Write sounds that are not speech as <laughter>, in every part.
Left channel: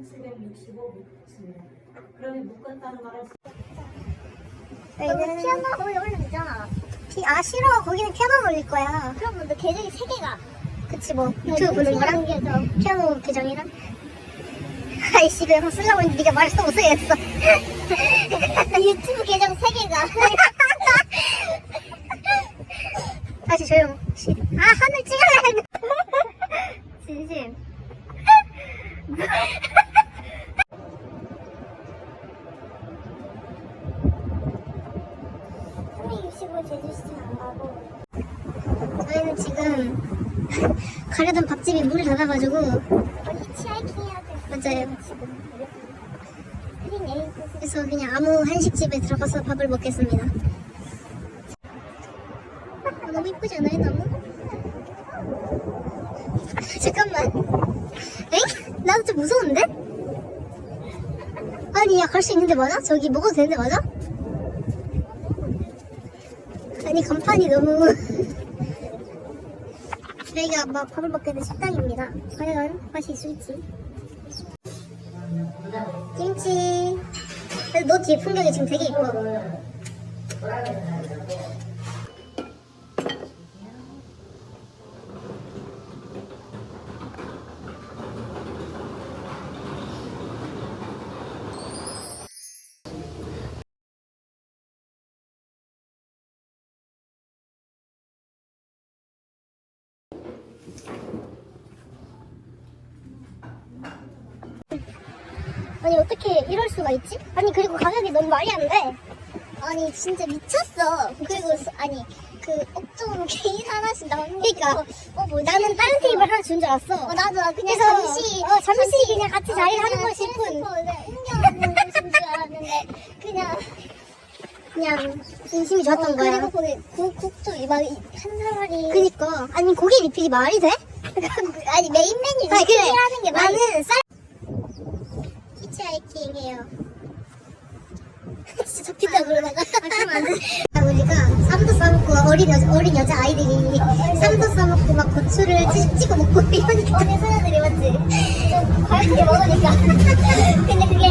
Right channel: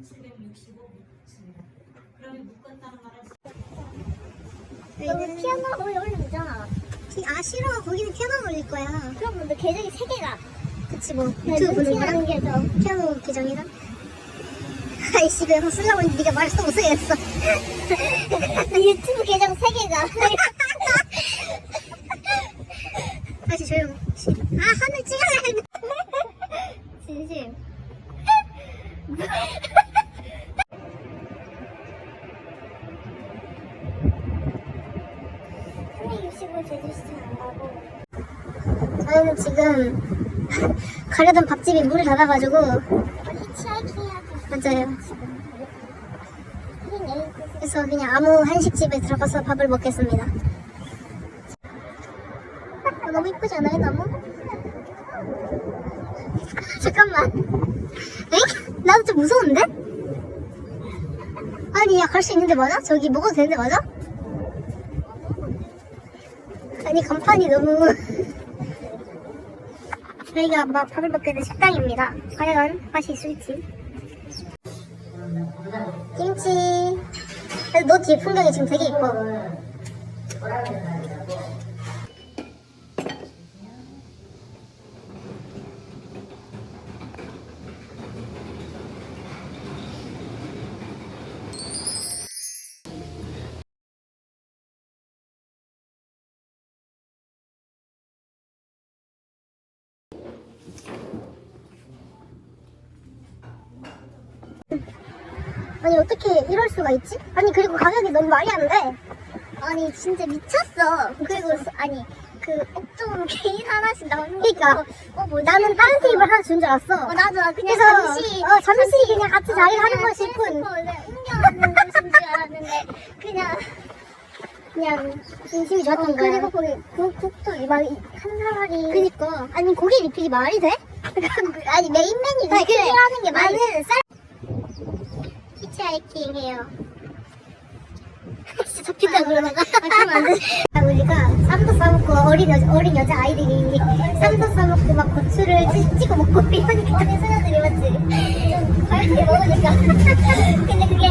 765입니다. 그러면 묶었다는 말은 너는 피아노 거기 올리면 되잖아. 피, 아 싫어. 거기는 피아노 올릴 거야. 그럼 근데 계정이 세 개가. 그치 뭐 유튜브 보는 거랑 피아노 계정이랑. 아이씨 그래서 쓰려고 했는데 네가 말을 못 쓰겠어. 유튜브 계정 세 개가. <laughs> 다시 조용. 아 하늘 찍어야 돼. 진심. 365 제주시장 안 가고 저희는 지금 <laughs> 가려던 밥집이 문을 닫아가지고 맞아요 그래서 그냥 아무 한식집에 들어가서 밥을 먹겠습니다 어, 너무 이쁘지 않아요 나무? 잠깐만 엥? 나도 좀 무서운데? 아니 야 갈 수 있는데 맞아? 저기 먹어도 되는데 맞아? 아니 간판이 너무 <laughs> 저희가 막 밥을 먹게 된 식당입니다. 과연 맛이 있을지. 김치. 너 뒤에 풍경이 지금 되게 이뻐 아니 어떻게 이럴 수가 있지? 아니 그리고 가격이 너무 말이 안 돼. 아니 진짜 미쳤어. 그리고 스- 아니 그 액정 <laughs> 개인 하나씩 나오는 그러니까 어, 뭐지? 나는 다른 테이블 하나 준 줄 알았어. 어, 나도 그냥 그래서 잠시 어 잠시 그냥 같이 자리를 하는 거 싶은. 줄 알았는데 그냥 그냥 인심이 좋았던 거야. 그리고 거기 국, 국도 막한 사람이. 그니까 아니 고기 리필이 말이 돼? <laughs> 아니 메인 메뉴 리필하는 게 말이 돼? 쌀 진짜 그러면 아 그러면 안 돼. 우리가 쌈도 싸먹고 어린 여자 어린 여자 아이들이 쌈도 싸먹고 막 고추를 찍, 찍어 먹고 이러니까 <laughs> 소녀들이 맞지? <laughs> 가볍게 먹으니까. <laughs> 근데 그게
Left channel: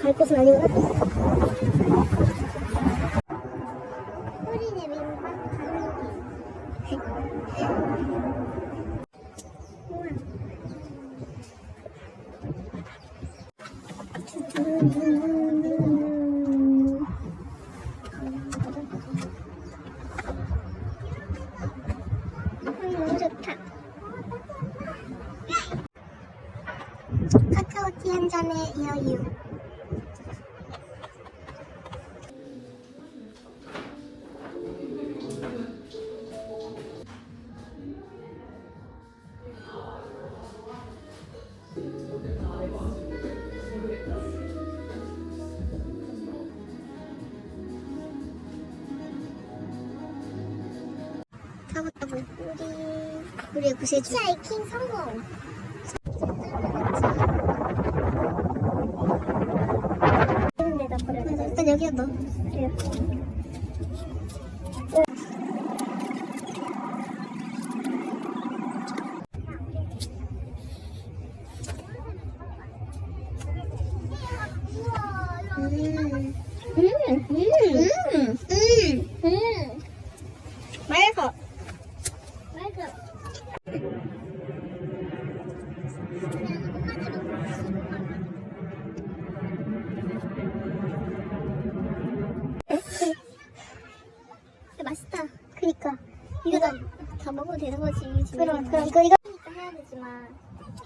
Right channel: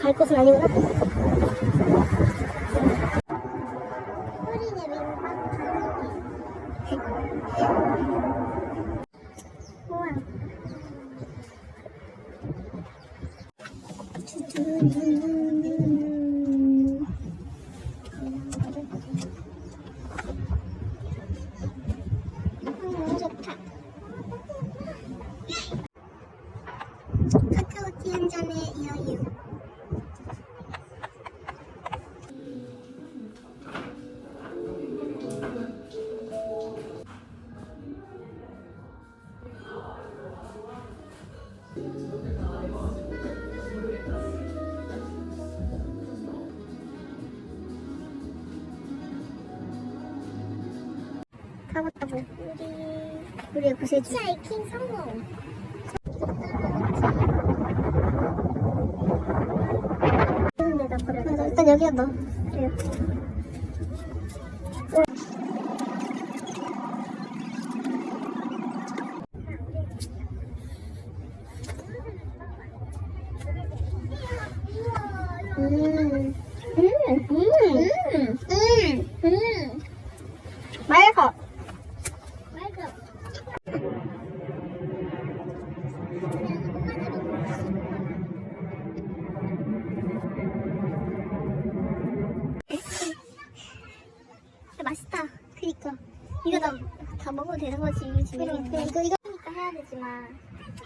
갈 곳은 아니구나. 우와 음, 너무 좋다 카카오티 한 잔에 여유. 타고 우리 우리의 구세주. 하이킹 성공. 데다 버려. 맞아, 그니까. 이거 다, 다 먹어도 되는 거지. 그럼, 그럼, 그, 이거. 해야 되지만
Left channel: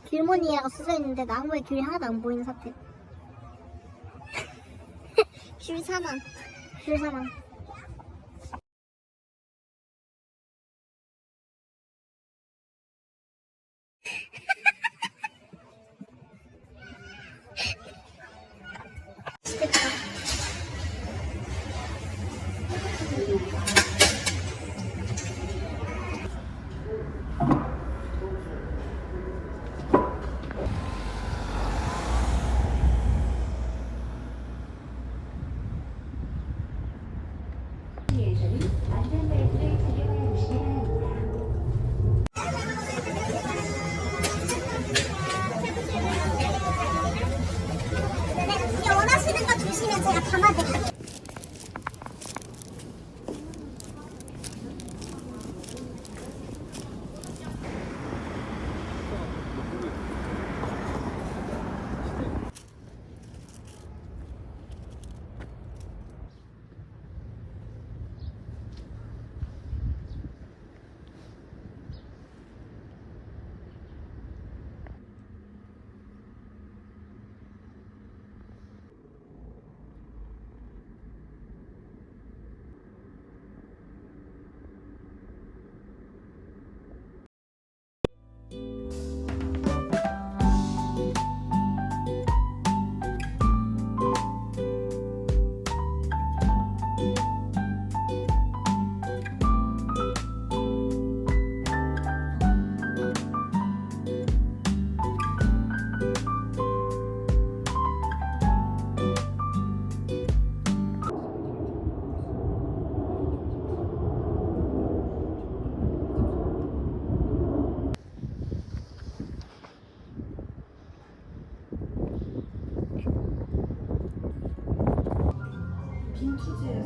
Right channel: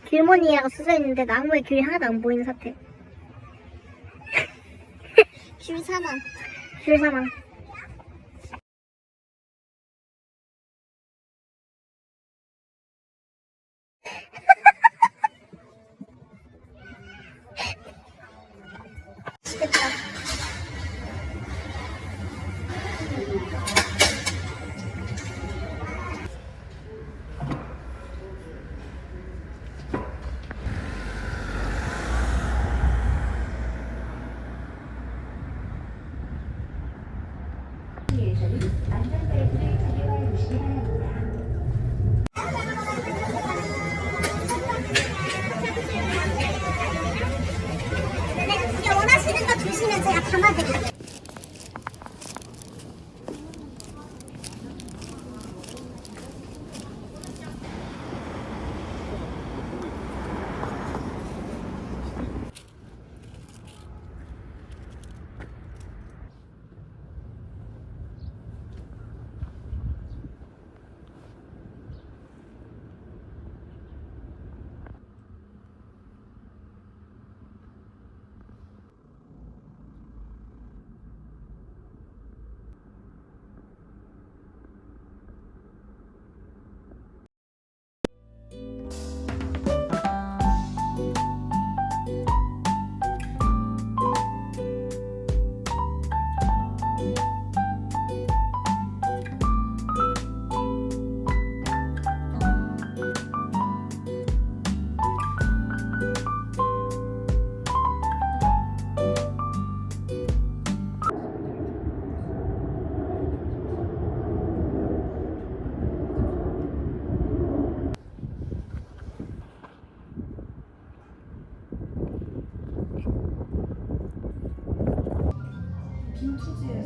길모니아가 쓰여있는데 나무에 귤이 하나도 안 보이는 사태 귤 사망 귤 사망 주시면 투지에서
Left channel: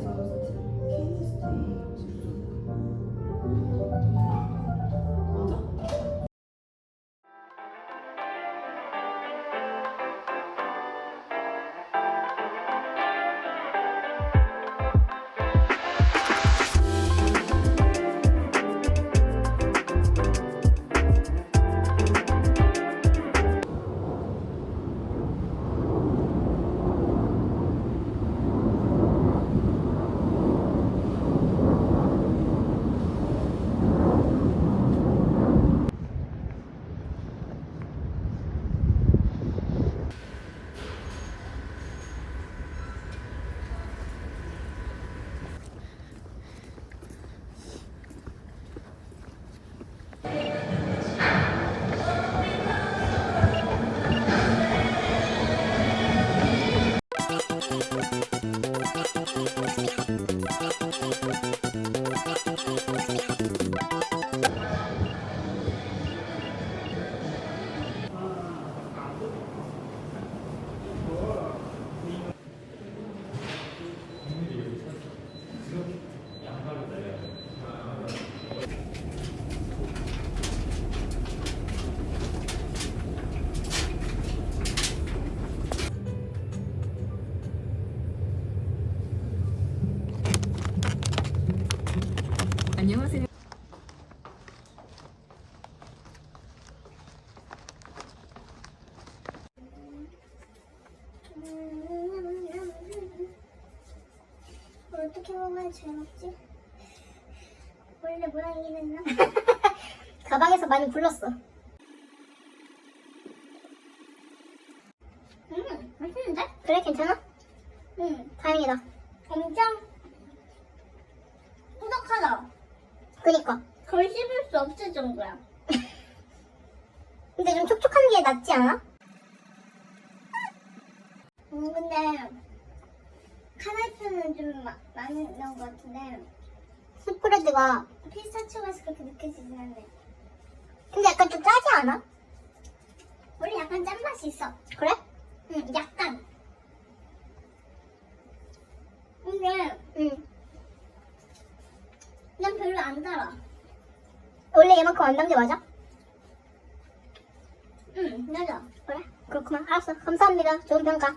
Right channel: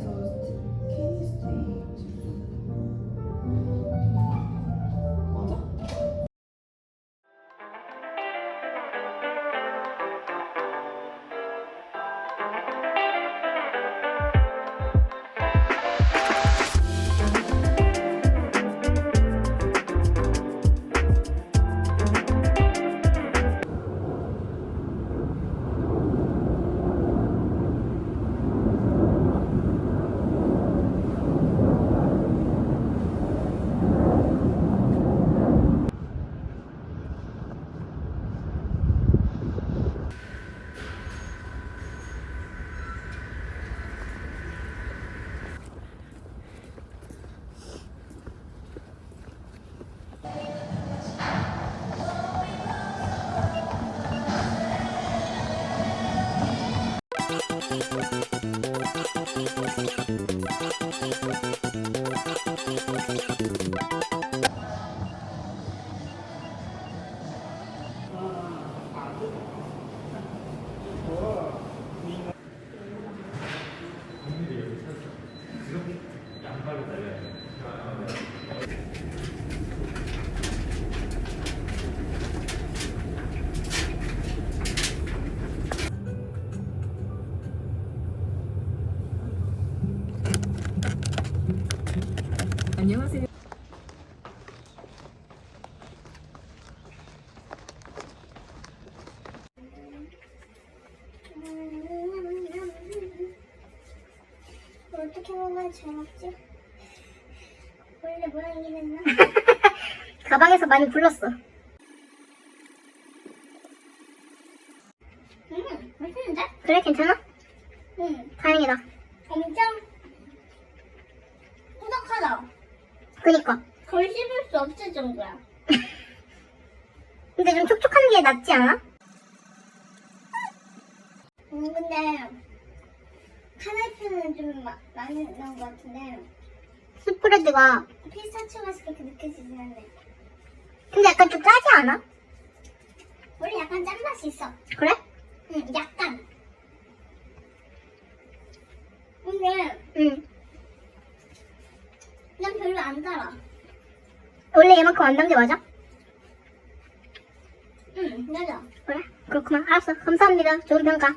안녕하세요. 어떻게 먹어야 잘 먹지? 원래 모양이긴 했나? <laughs> 가방에서 많이 불렀어. 음, 맛있는데? 그래, 괜찮아? 응. 다행이다. 엄청 꾸덕하다. 그니까. 거의 씹을 수 없을 정도야. 근데 좀 촉촉한 게 낫지 않아? 음, 근데 카나이프는 좀 마, 많이 나온 것 같은데 스프레드가 피스타치오 맛이 그렇게 느껴지진 않네 근데 약간 좀 짜지 않아? 원래 약간 짠맛이 있어 그래? 응 약간 근데 응. 난 별로 안 달아 원래 얘 단게 맞아? 응 맞아. 그래? 그렇구나. 알았어. 감사합니다. 좋은 평가